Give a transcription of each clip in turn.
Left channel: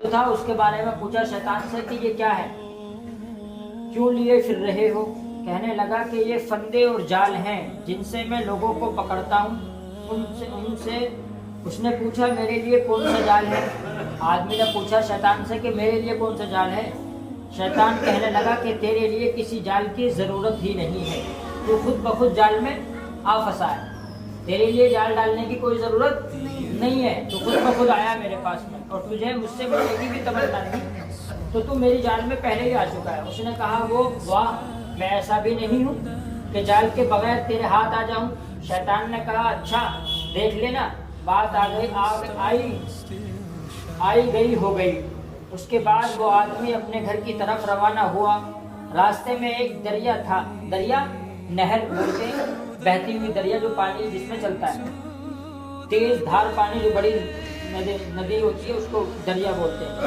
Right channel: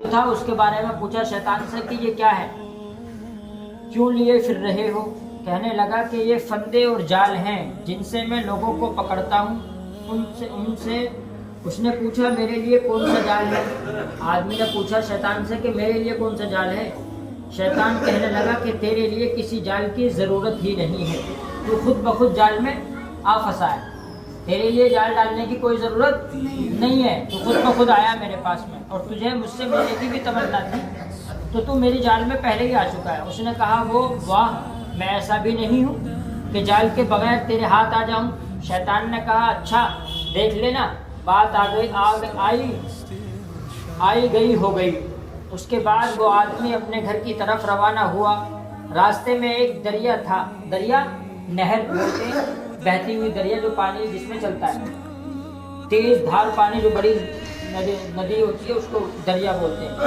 تھا اس کے بارے میں پوچھا شیطان سے کہ یہ کیا ہے، کیوں لیے پھر رہے ہو؟ کہنے لگا کہ یہ فندے اور جال ہیں جن سے میں لوگوں کو پکڑتا ہوں۔ ان سے اس نے پوچھا میرے لیے کون سا جال ہے؟ آدمی نے پوچھا شیطان سے کہ میرے لیے کون سا جال ہے؟ شیطان کہنے لگا کہ تیرے لیے کسی جال کی ضرورت ہی نہیں ہے، تو خود بخود جال میں آ پھنسا ہے۔ تیرے لیے جال ڈالنے کی کوئی ضرورت نہیں ہے، تو خود بخود آیا میرے پاس میں، اور تجھے مجھ سے ملنے کی بھی تمنا تھی تو میری جال میں پہلے ہی آ چکا ہے۔ اس نے کہا وہ واہ، میں ایسا بھی نہیں ہوں کہ جال کے بغیر تیرے ہاتھ آ جاؤں۔ شیطان نے کہا اچھا دیکھ لینا، بات آئی گئی ہو گئی۔ اس کے بعد وہ آدمی اپنے گھر کی طرف روانہ ہوا۔ راستے میں ایک دریا تھا، دریا نہر بولتے ہیں، بہتی ہوئی دریا جو پانی جس میں چلتا ہے، تیز دھار پانی جو بڑی ندی ہوتی ہے اس کو دریا بولتے ہیں۔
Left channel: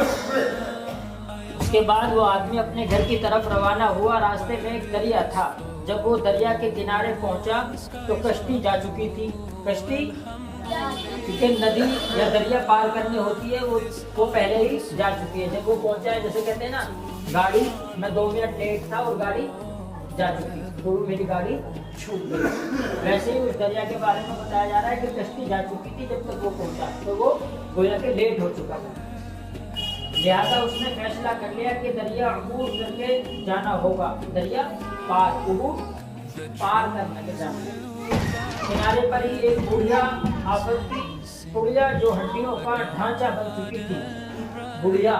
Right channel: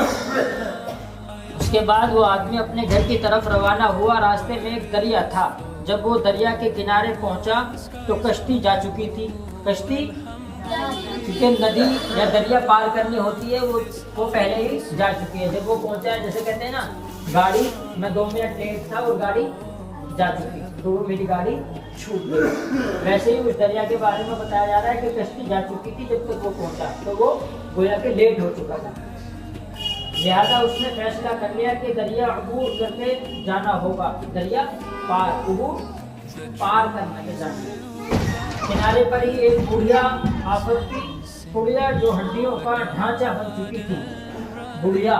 اس کے بعد وہ آدمی اپنے گھر کی طرف روانہ ہوا۔ راستے میں ایک دریا تھا، جب وہ دریا کے کنارے پہنچا تو کشتی جا چکی تھی۔ کشتی کیونکہ ندی یا دریا پار کرنی ہوتی ہے وہ پہلے ہی جا چکی ہے۔ جب وہ پہنچا ہے، جیسے کہتے ہیں نا گاڑی میں 2 منٹ لیٹ تھا اور گاڑی جا چکی تو میری گاڑی چھوٹ گئی، ویسے ہی اس دریا کے بارے میں بتایا جا رہا ہے کہ کشتی جا چکی تھی جب تک وہ پہنچا، تو وہ گویا کہ لیٹ ہو چکا تھا۔ لہذا اس نے فیصلہ کر لیا کہ دریا عبور کر کے جانا ہوگا، دریا عبور پار کرنا کے جانا۔ کنارے پر ہی ایک بڑھیا آفت کی پڑیا جو ہڈیوں کا ڈھانچہ بن چکی تھی۔ بڑھیا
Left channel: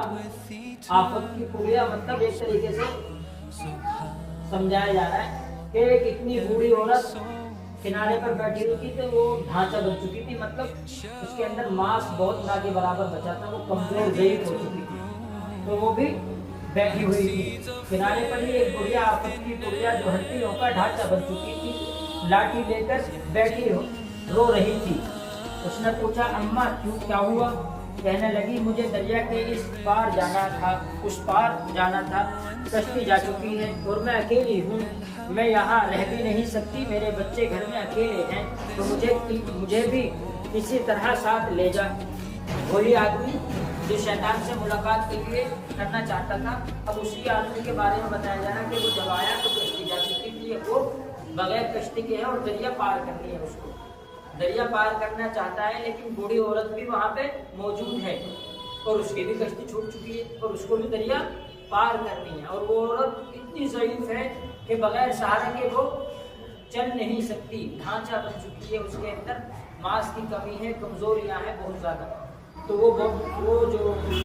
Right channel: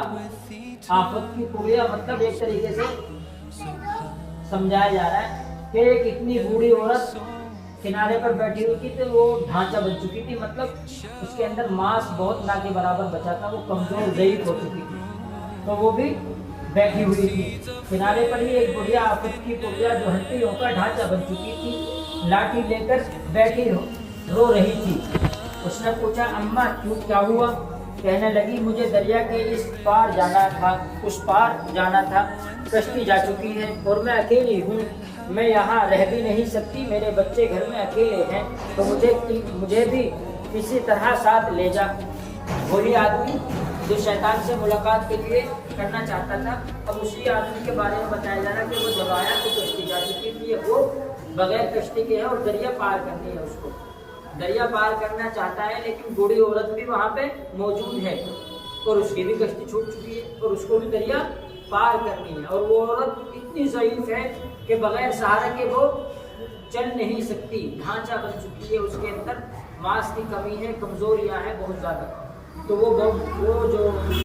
آفت کی پڑیا مطلب ایک طریقے سے سمجھایا جا رہا ہے کہ ایک اتنی بوڑھی عورت کنارے پر بیٹھی ہوئی تھی تو وہ ڈھانچہ بن چکی تھی، مطلب اس کے اندر ماس بہت نہ کے برابر بچا تھا، وہ کمزور ضعیف ہو چکی تھی، تو وہ بھی بیٹھی ہوئی تھی۔ کنارے پر ہی ایک بڑھیا آفت کی پڑیا جو ہڈیوں کا ڈھانچہ بن چکی تھی، لاٹھی لے کر بیٹھی رو رہی تھی۔ اس نے پوچھا اماں کیا ہوا؟ کہنے لگی مجھے دریا کے اس پار جانا تھا، اس پار جانا تھا، کشتی جا چکی ہے اور میں اکیلی ہوں، میں یہاں رہ بھی نہیں سکتی، میرے بچے گھر میں اکیلے ہیں، تو مجھے بھی اسی طرح ساتھ لے جا۔ وہی آدمی جو شیطان سے ملاقات کے لیے کرنا چاہتا تھا، اب اسی آدمی کے بارے میں بتایا جا رہا کہ وہ جب آیا تو کشتی جا چکی تھی، وہ بغیر کشتی کے ہے اور دریا پار کرنی ہے، اس کو دریا پار کرنا چاہتا ہے، لیکن بوڑھی عورت بھی وہاں پہ موجود ہے اور اس کی بھی کشتی چھوٹ چکی ہے اور اس کو بھی دریا پار کرنی ہے، اور وہ عورت اتنی ضعیف ہے کہ بغیر سہارے کے وہ چل نہیں سکتی، ڈھانچہ بن چکی ہے، اس کے اندر ماس کی کمی ہے، کمزوریاں ہیں بہت زیادہ، تو وہ جو